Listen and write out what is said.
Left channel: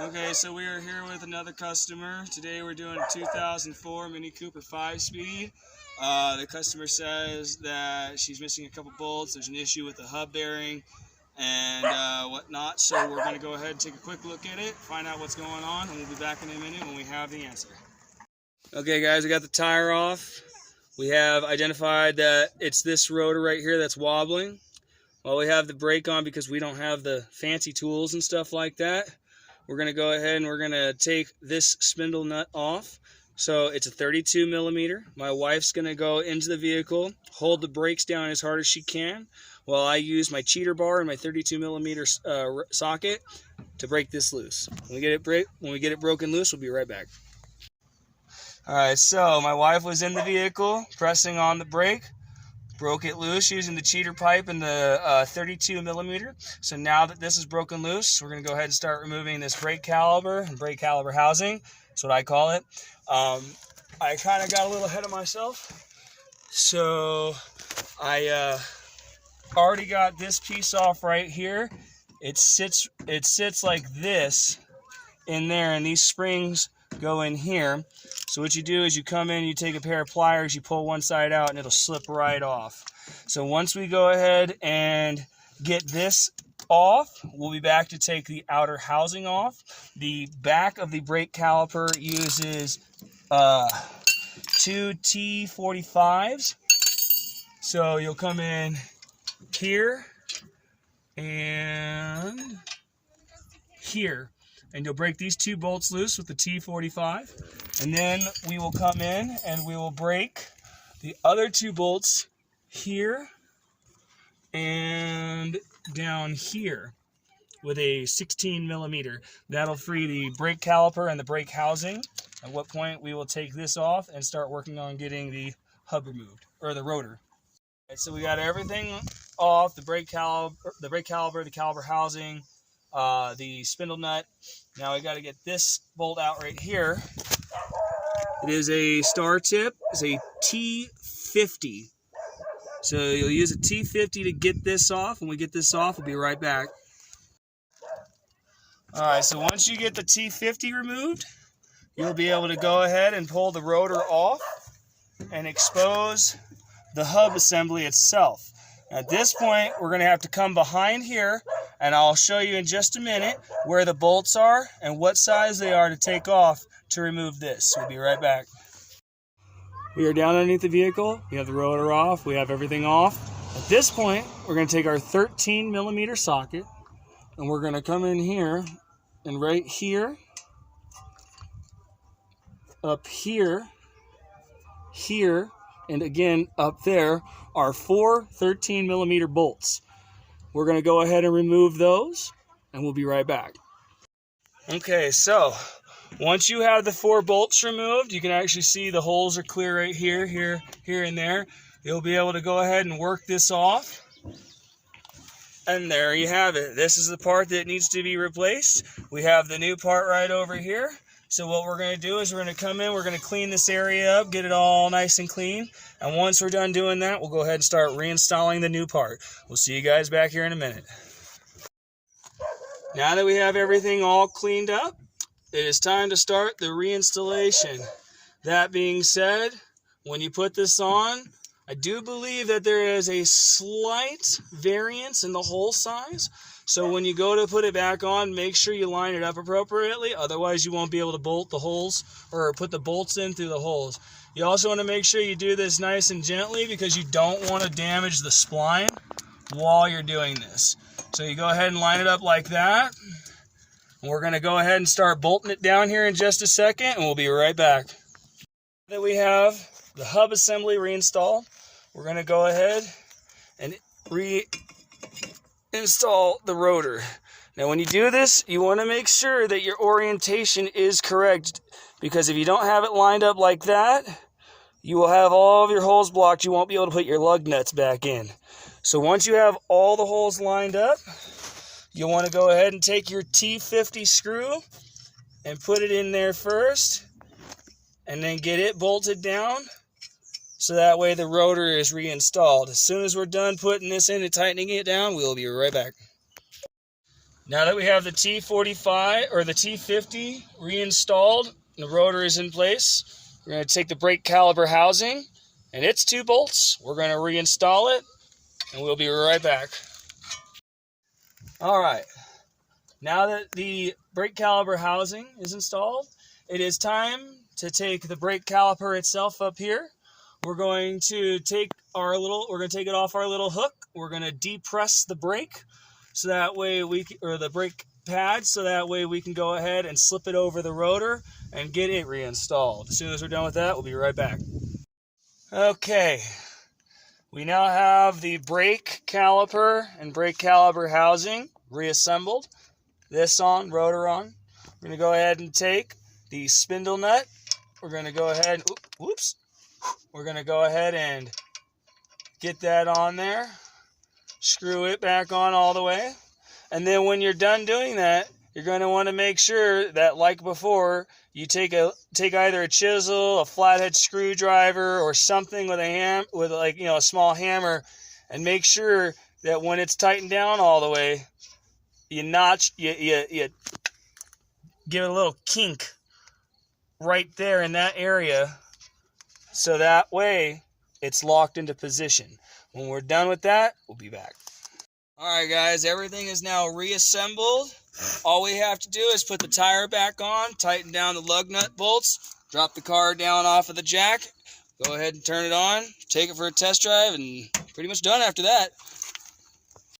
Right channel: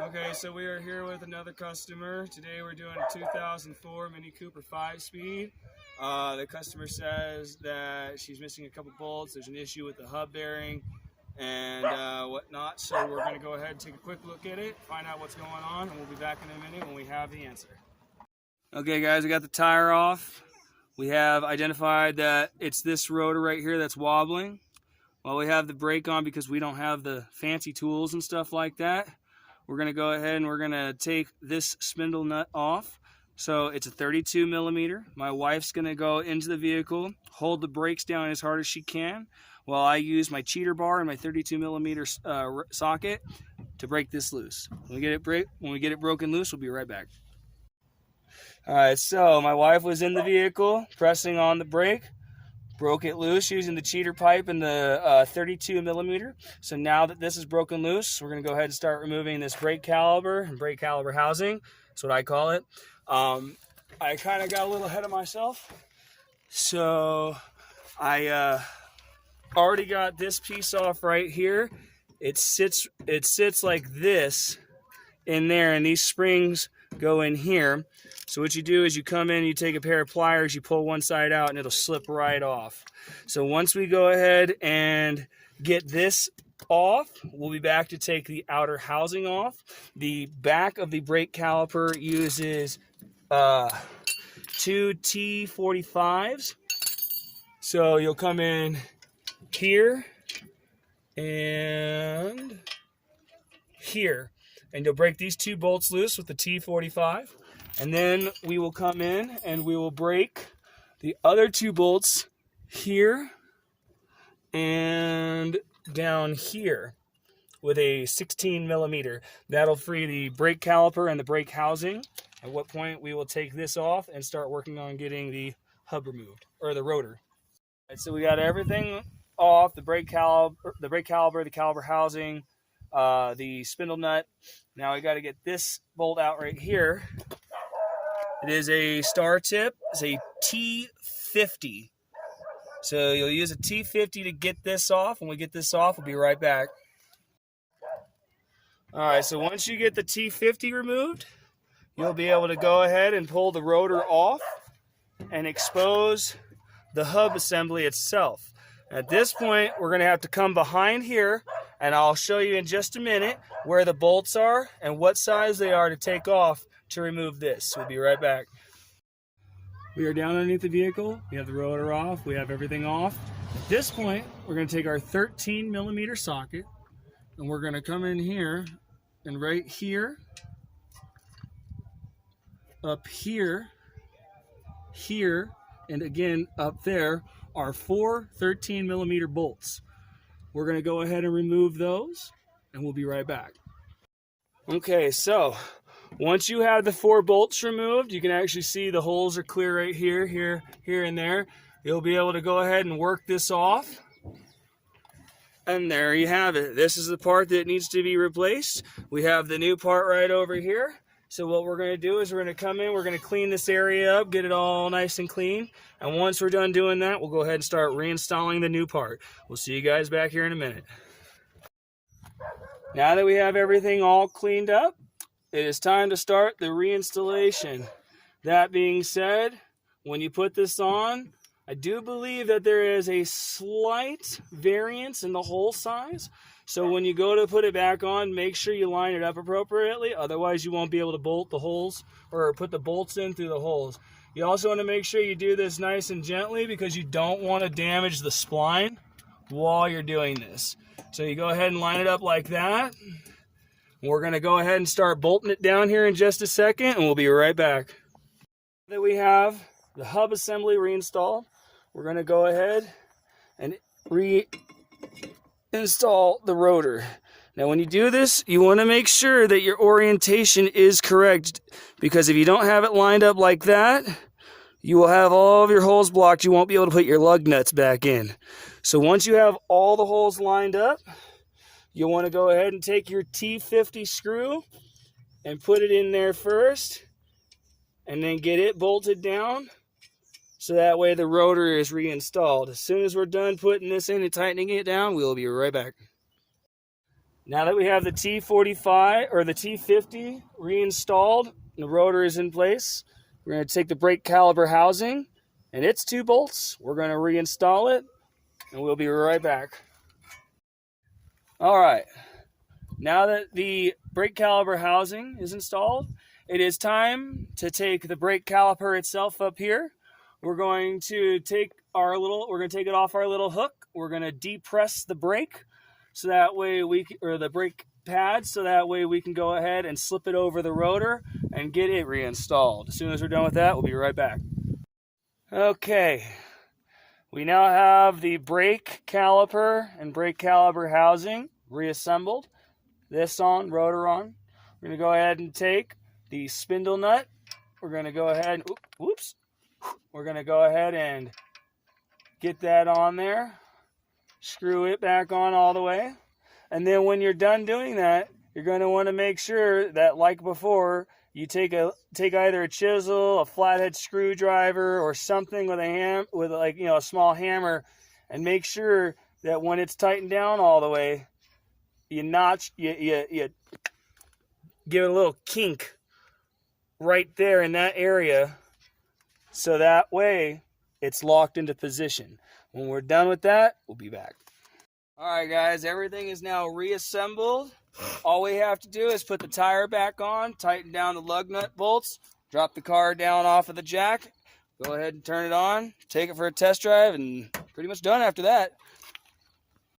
Okay, so we are here with another customer. Today we're doing a 2004 Mini Cooper 5-speed. The customer says that she's missing a couple bolts. There's an issue with the hub bearing and whatnot. So we're going to go ahead and take a quick look at it, find out what's going on, and we'll be back in a minute when we have the answer. Okay guys, we got the tire off. We have identified that it's this rotor right here that's wobbling. Well, we have the brake on because we don't have the fancy tools and stuff like that. We're going to go ahead and we're going to take this spindle nut off. So it's a 32 millimeter. My wife's going to go into the vehicle, hold the brakes down as hard as she can, while I use my cheater bar and my 32 millimeter socket to break this loose. When we get it broken loose, we'll be right back. All right, so my wife was in the vehicle pressing on the brake, broke it loose using the cheater pipe and the 32 millimeter. So now that this is broken loose, we're going to go ahead and start removing this brake caliper and brake caliper housing. That's what I call it. I kind of got a little ahead of myself. So I already got this piece off right here. It sits like this in there, and these springs go in here. So what you do is you come in, you take a pair of pliers, you pull one side out, and it'll slip right off. So once we go ahead and get this off, we'll be back to take the outer housing off. The back of the brake caliper uses 2 T45s. So you'll come in here and here, and you'll break these 2 bolts loose with the T45. And then we will come in and we will break the other 2 bolts here and down here with a 16 millimeter. That'll free the brake caliper and the brake housing, at what point we will take this off and start working on getting the hub removed, or the rotor. All right, so we got everything off, the brake caliper, the caliper housing, the spindle nut. Now we got to get this bolt out right here. It is a star tip. It's a T50. So you'll use a T50 to get this off. When we get this off, we'll be right back. All right, so once you get the T50 removed, you'll be able to go ahead and pull the rotor off and expose the hub assembly itself. At this point, we're going to have to come behind here, and I'll show you in just a minute where the bolts are and what size they are to take off to remove this. We'll be right back. We are down underneath the vehicle. We have the rotor off. We have everything off. At this point, we're going to take our 13 millimeter socket, and we're going to come in here and right here, up here, here, and again up there are 4 13 millimeter bolts. We're going to go ahead and remove those, and we'll be right back. Okay, so once you have the 4 bolts removed, you can actually see the holes are clear right here, here, and there. You'll be able to go ahead and work this off. And there you have it. This is the part that needs to be replaced. We have the new part right over here. So what we're going to do is we're going to come in, we're going to clean this area up, get it all nice and clean. And once we're done doing that, we'll go ahead and start reinstalling the new part. We'll see you guys back here in a minute. Now that we have everything all cleaned up, it is time to start the reinstallation. That being said, when you put this on, I do believe that there is a slight variance in the hole size. So when you go to put it back on, make sure you line it up appropriately. Otherwise, you won't be able to bolt the holes or put the bolts in through the holes. You also want to make sure you do this nice and gently because you don't want to damage the spline while you're doing this. So you go ahead and line it up like that. We're going to go ahead and start bolting it down here in just a second, and we'll be right back. Now that we have the hub assembly reinstalled, we're going to go ahead and reinstall the rotor. Now when you do this, you want to make sure that your orientation is correct, because if you don't have it lined up like that, you will have all of your holes blocked. You won't be able to put your lug nuts back in. So once you have all the holes lined up, you'll want to go ahead and take your T50 screw and put it in there first, and then get it bolted down so that way the rotor is reinstalled. As soon as we're done putting this in and tightening it down, we'll be right back. Now that we have the T45 or the T50 reinstalled, the rotor is in place, we're going to take the brake caliper housing and its 2 bolts. We're going to reinstall it and we'll be right back. All right, now that the brake caliper housing is installed, it is time to take the brake caliper itself up here. We're going to take it off our little hook. We're going to depress the brake so that way the brake pad, so that way we can go ahead and slip it over the rotor and get it reinstalled. As soon as we're done with that, we'll be right back. Okay, we now have the brake caliper and brake caliper housing reassembled. This on, rotor on. We're going to go ahead and take the spindle nut. We're going to go ahead and, we're going to go ahead and get that on there. Screw it back on all the way. And then when you're done doing that, you're going to want to make sure that, like before, you take either a chisel, a flathead screwdriver, or something with a small hammer, and make sure that when it's tightened down all the way, you give it a little kink right there in that area, so that way it's locked into position. When we're done with that, we'll be back. Alright guys, everything is now reassembled. All we have to do is put the tire back on, tighten down the lug nut bolts, drop the car down off of the jack, go ahead and turn it on, take it for a test drive, and pretty much done after that.